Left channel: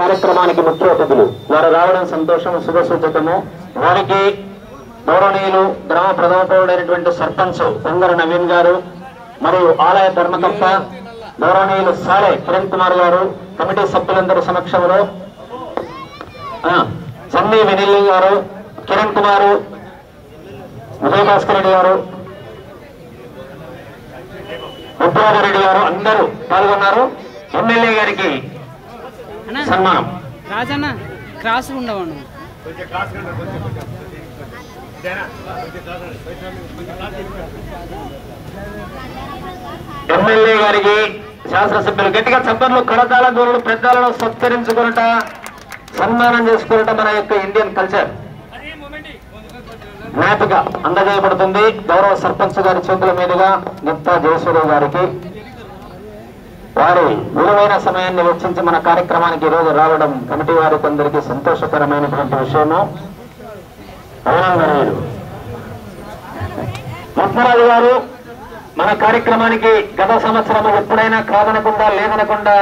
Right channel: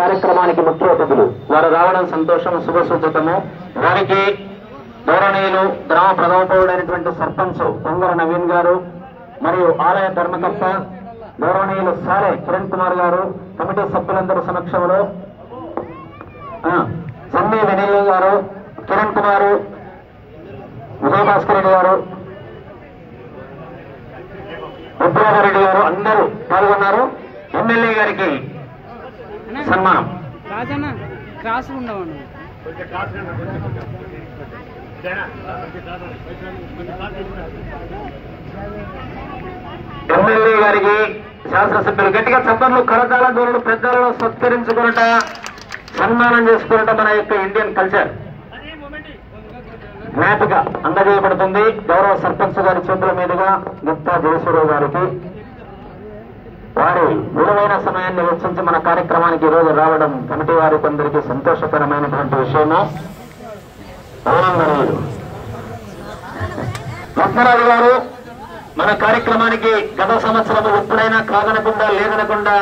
కార్యక్రమానికి ముఖ్య అతిథులు. వారు రావడం సంతోషం, శుభసూచకము. వారికి గౌరవనీయులు గ్రామ ప్రథమ పౌరుడైనటువంటి సర్పంచ్ కొంగర నవీన్ గారు మరియు ఆలయ ధర్మకర్త గౌరవనీయులు సారే కిరణ్ కుమార్ గారు, కమిటీ సభ్యులందరూ సమక్షంలో సన్నీ వెనిల్లు గారు, కిరణ్ కుమారు, విజయభాస్కర్ రెడ్డి గారు, రెడ్డి గారు అందరూ పాల్గొన్నారు. ఎమ్మెల్యే గారికి సన్మానం. ఎమ్మెల్యే గారికి శాసనసభ్యులు గట్టిగా చప్పట్లు, కరతాళ దూరులు, పెద్దలను సత్కరించుకున్నట, సన్మానం చేసుకున్నట మన యొక్క ఇండియన్ కల్చర్ జ్ఞాపిక అందజేయబడుతుంది. గౌరవ సర్పంచ్ గారి చేతుల మీదుగా గుప్తా జయసూరావు గారికి. వారి విలువైన సమయాన్ని వెచ్చించి మన కార్యక్రమానికి ఈ రోజు రావడం కమిటీ వారికి అందరికీ సంతోషకరమైనటువంటి విషయము. లక్ష్మరాజు గారు మన కార్యక్రమానికి గత సంవత్సరం ఎప్పుడైనా కాదనకుండా లేదనకుండా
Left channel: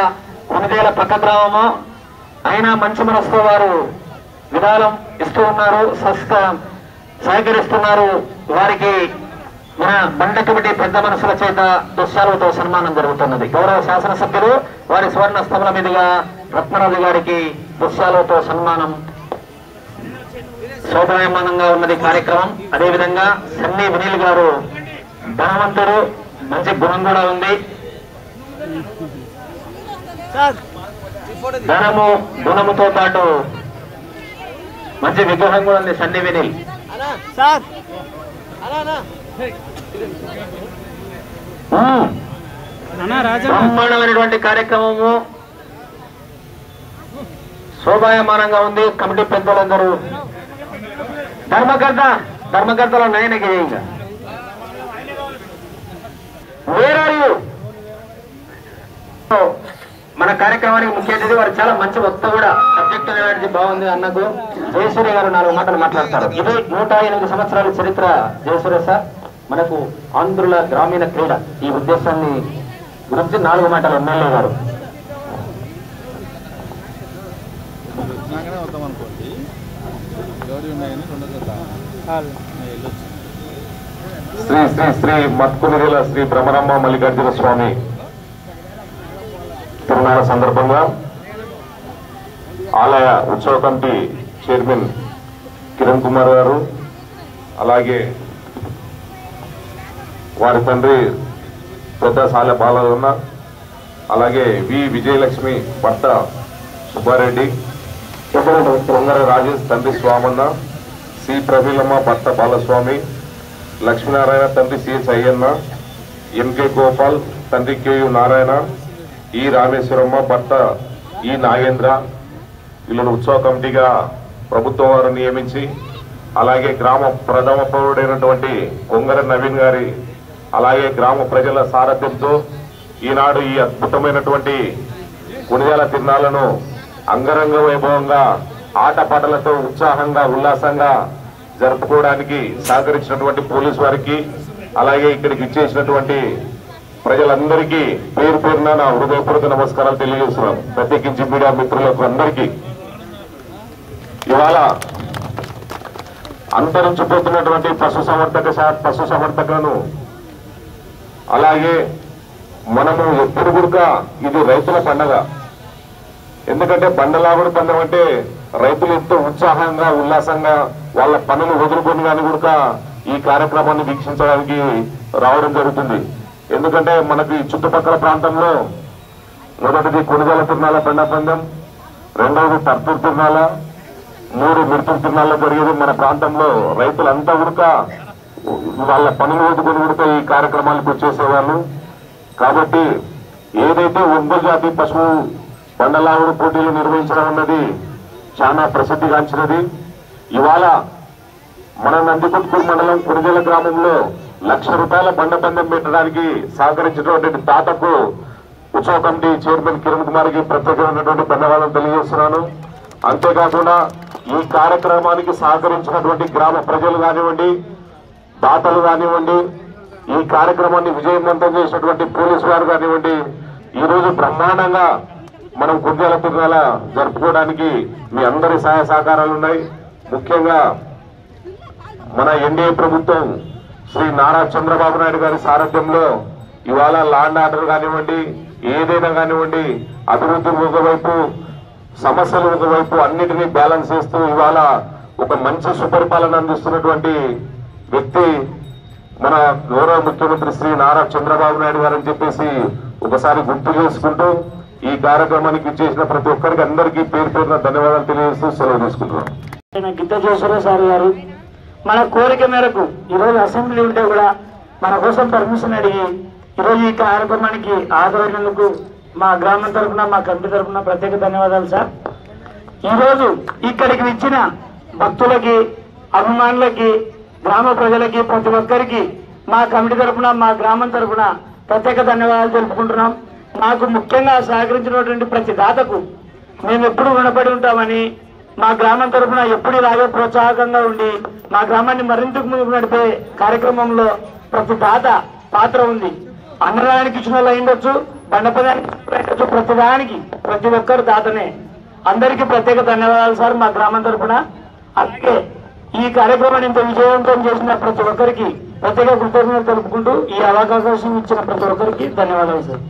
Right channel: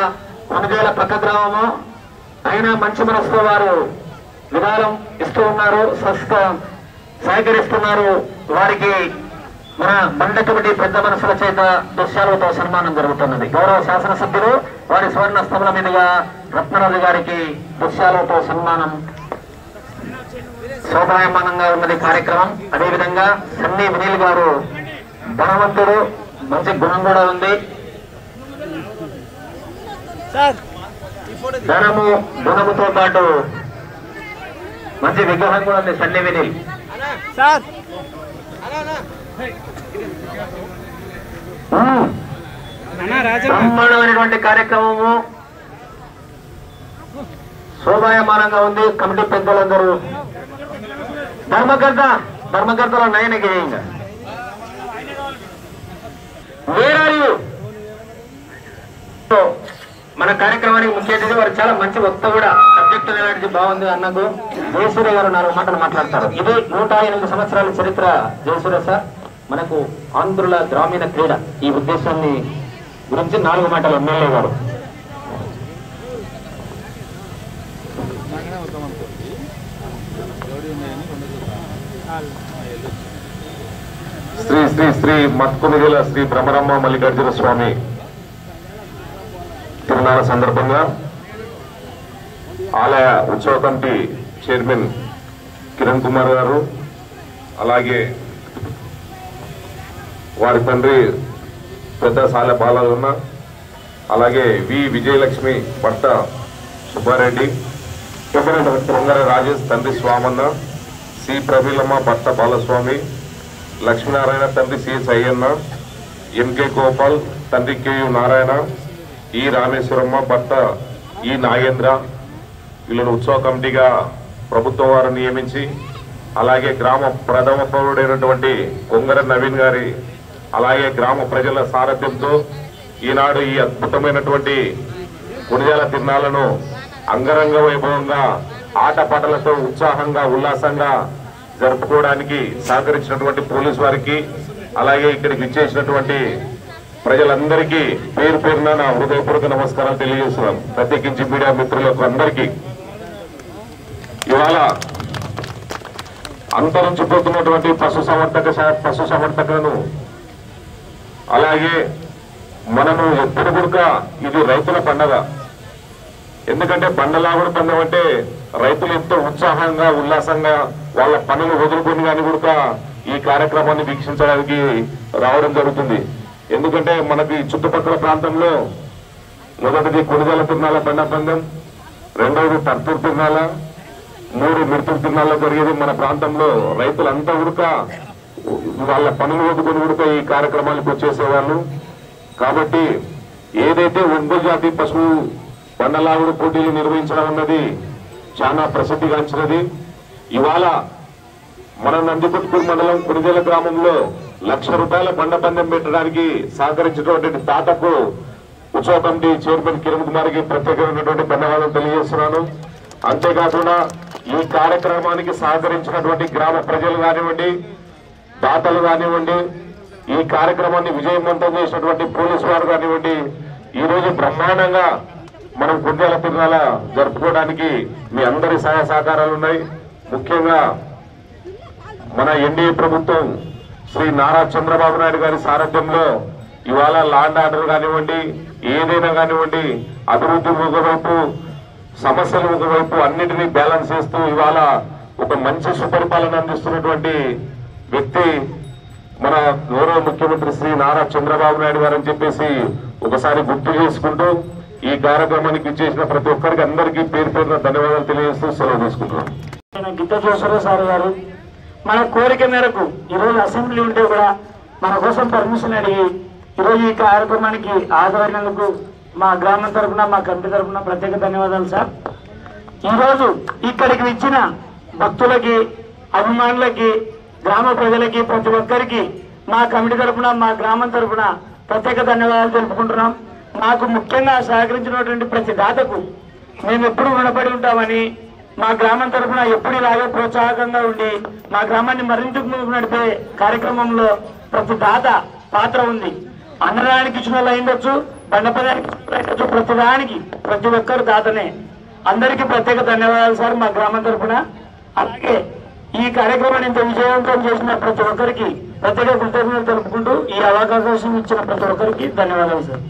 కొనుగోల పక్క గ్రామము అయినా మంచి మనసుతో వారు విరాళం ఇస్తూ ఉన్నారు, సహకరిస్తున్నారు. వారికి మన బండ కమిటీ పెద్ద మనసుల చేత దుశ్శాలతో సన్మానం జరుగుతున్నది. గౌరవ శాసనసభ్యులు వారి సువర్ణ స్తంభల మీదుగా రత్నరాజు గారికి దుశ్శాలతో సన్మానం శోభాయమానంగా ఉన్నది కార్యక్రమం. అదేవిధంగా సన్నీ వినీల్ గారు ధనవంతుడు, మంచి గుణం కూడా ఉంది. ధనము గుణముతో పాటు మంచి విగ్రహం కూడా ఉంది. సన్నీ వినీల్ బ్రహ్మాండమైనటువంటి కార్యక్రమము శోభాయమానంగా ఉంది. కమిటీ పెద్దలందరూ ధర్మకర్తల నయనకి మన కార్యక్రమానికి ముఖ్య అతిథి వారు చాలా మంచి వక్త కూడా, సబ్జెక్ట్ అనేది బాగుంది. అన్నకు జయసూర్య గారు 4 మాటలు మాట్లాడతారు. ఇది 108 సంవత్సరాల చరిత్ర. జయసూర్య సార్ మనకు ఆంధ్రుల గ్రామీణ క్రీడ ఈ ఉద్దేశాన్ని గురించి 4 మాటలు ఎమ్మెల్యే గారు. శ్రీ శ్రీ శ్రీ మత్కునిగల శ్రీ భ్రమరమ్మ మల్లికార్జున స్వామి తిరునాళ్ళ సందర్భంగా ఆలయ ఉత్సవ కమిటీ చైర్మన్ కిరణ్ కుమార్ గారు, అలాగే వారి తండ్రి పెద్ద సాల బాలన్న, అలాగే వి విజయలక్ష్మి భర్త సుబ్బారెడ్డి, పొంగర రాజేష్ తండ్రి స్వామన్న, సి ప్రవీలమ్మ భర్త బాలస్వామి, లక్ష్మీనారాయణ తండ్రి సిహెచ్ అయ్యన్న, ఎంకే గోపాల్ తండ్రి కేయు నారాయణ, ఈ రామేశ్వరమ్మ భర్త ఈ నాగేంద్ర, వీళ్ళను ఉత్సవ కమిటీగా ప్రభుత్వం వారు నియమించి, అలాగే గ్రామ ప్రథమ పౌరుడైనటువంటి కొంగర నవీన్ గారి, అలాగే గ్రామ ప్రజల సారథ్యంతో ఈనాడు ఈ అద్భుతమైనటువంటి కొనియాల తిరునాళ్లను అంగరంగ వైభవంగా ఆటపాటలతో ఉత్సాహంగా ఉల్లాసంగా జరుపుకోవడానికి సహకరించినటువంటి పోలీసు వారికి, అలాగే ఇక్కడికి ఇచ్చేసినటువంటి ప్రజలందరికీ పేరు పేరున నా హృదయపూర్వక నమస్కారం తెలియజేస్తున్నాను. ప్రత్యేకించి మీడియా మిత్రులకు అందరికీ ఇవాళ అంతరించిపోతున్నటువంటి పశు సంవర్ధకులను, అలాగే మనము ఎప్పుడు కూడా ఇది రైతుల పండుగ. ఎందుకంటే బండలాగుడు పండుగ అంటే రైతులు ఎంతో ఉత్సాహంగా ఉల్లాసంగా వాళ్ళ పనులు వదులుకొని కానీ కూడా ఈ కార్యక్రమాన్ని వీక్షించడానికి రావడం జరుగుతుంది. ఎందుకంటే మనకి చుట్టుపక్కల ప్రాంతంలో మొదటిది కొనుగోలు తిరునాళ్ళ బండ పందెం, రెండవది తర్పూర్ తిరునాళ్ళ, 3 మిర్తుల తిరునాళ్ళ జరిగేది. మన ప్రాంతంలో రైతులంతా కూడా వాళ్ళ పనులు వదుకొని కూడా ఈ కార్యక్రమాలకు వచ్చేసేవాళ్ళు. కాబట్టి ఏదైతే ఒంగోలు జాతి పశువు బండలాగుడు పోటీలు నిర్వహించడం అన్నది చాలా ప్రసిద్ధిగాంచినది. ఇవాళ మన నందికొట్కూరు మండలం కొనుగోలు గ్రామంలో ₹1,00,000 బండ పందెం పెట్టడానికి సహకరించినటువంటి తాతకు ఉత్సవ కమిటీ చైర్మన్ కిరణ్ కుమార్కి ప్రత్యేకమైనటువంటి ధన్యవాదాలు తెలియజేస్తున్నాను. అంతేకాకుండా ఈ కార్యక్రమానికి సహకరించినటువంటి గ్రామ ప్రజలు కానివ్వండి, దాతలు కానివ్వండి, ఈ కార్యక్రమాన్ని విజయవంతం చేసినటువంటి పోలీసు వారు కానివ్వండి, ఈ రోజు బ్రహ్మాండంగా మనం గుండెల తిరునాల జరుపుకోవడానికి మీ అందరి సహాయ సహకారాలు ఉన్నాయి. ముఖ్యంగా మన ఎన్డీఏ ప్రభుత్వం శ్రీ నారా చంద్రబాబు నాయుడు గారి సారథ్యంలో ఇవాళ లాండ్ ఆర్డర్ కానివ్వండి, ఏదైనా కానివ్వండి, అభివృద్ధి ఒకవైపు, సమస్యలు ఒకవైపు అన్నిటినీ బ్యాలెన్స్ చేస్తూ ఇవాళ ఒక మంచి సుపరిపాలన అందిస్తున్నటువంటి వ్యక్తి మన గౌరవ ముఖ్యమంత్రి శ్రీ నారా చంద్రబాబు నాయుడు గారు అని చెప్పేసి ఒకసారి గుర్తు చేసుకుంటూ ఈ కార్యక్రమానికి ఇచ్చేసిన ప్రతి ఒక్కరికి అందరికీ పేరు పేరున ధన్యవాదాలు తెలియజేస్తూ సెలవు తీసుకుంటున్నాం. గిద్దజేశ్వర సార్ గారు మన కోరిక మేరకు ఈరోజు అసెంబ్లీ ఉంటే కూడా మన కోసం పర్మిషన్ అడిగి ఈరోజు ఈ కార్యక్రమానికి ఆదరణకు మా గ్రామం తరఫున, మా కమిటీ తరఫున ప్రత్యేక ధన్యవాదాలు సార్. ఈరోజు ఇక్కడికి ఇచ్చిన భక్తులకి, అభిమానులకి, గ్రామ ప్రజలకి, ప్రతి ఒక్కరికి మా కమిటీ తరఫున, మా గ్రామం తరఫున ప్రత్యేక ధన్యవాదాలు తెలుపుకుంటున్నాం. మాకు ముఖ్యంగా సహకరించినటువంటి ప్రతి దాతకు మేము ఎప్పుడు రుణపడి ఉంటామని, మా గ్రామం తరఫున ఎప్పుడు ఇలాగే ప్రోత్సాహకంగా ఉండి మా గ్రామాన్ని మరింత ముందుకు నడిపే కార్యక్రమంలో ప్రతి దాత పాత్ర ఉంది. అన్నదానికి ఇచ్చిన వాళ్ళు అయిండొచ్చు, బండపదానికి అయిండొచ్చు, ప్రతి దానికి ప్రతి ఒక్కరు దాతనే. అందరికీ ప్రత్యేక ధన్యవాదాలు సార్ మా గ్రామం తరఫున. అలాగే ఈ కార్యక్రమాన్ని ఇంత విజయవంతం చేసిన ప్రతి ఒక్కరికి ప్రత్యేక కృతజ్ఞతలు తెలుపుకుంటూ ఈ అవకాశం ఇచ్చిన ప్రతి ఒక్కరికి ధన్యవాదాలు సార్.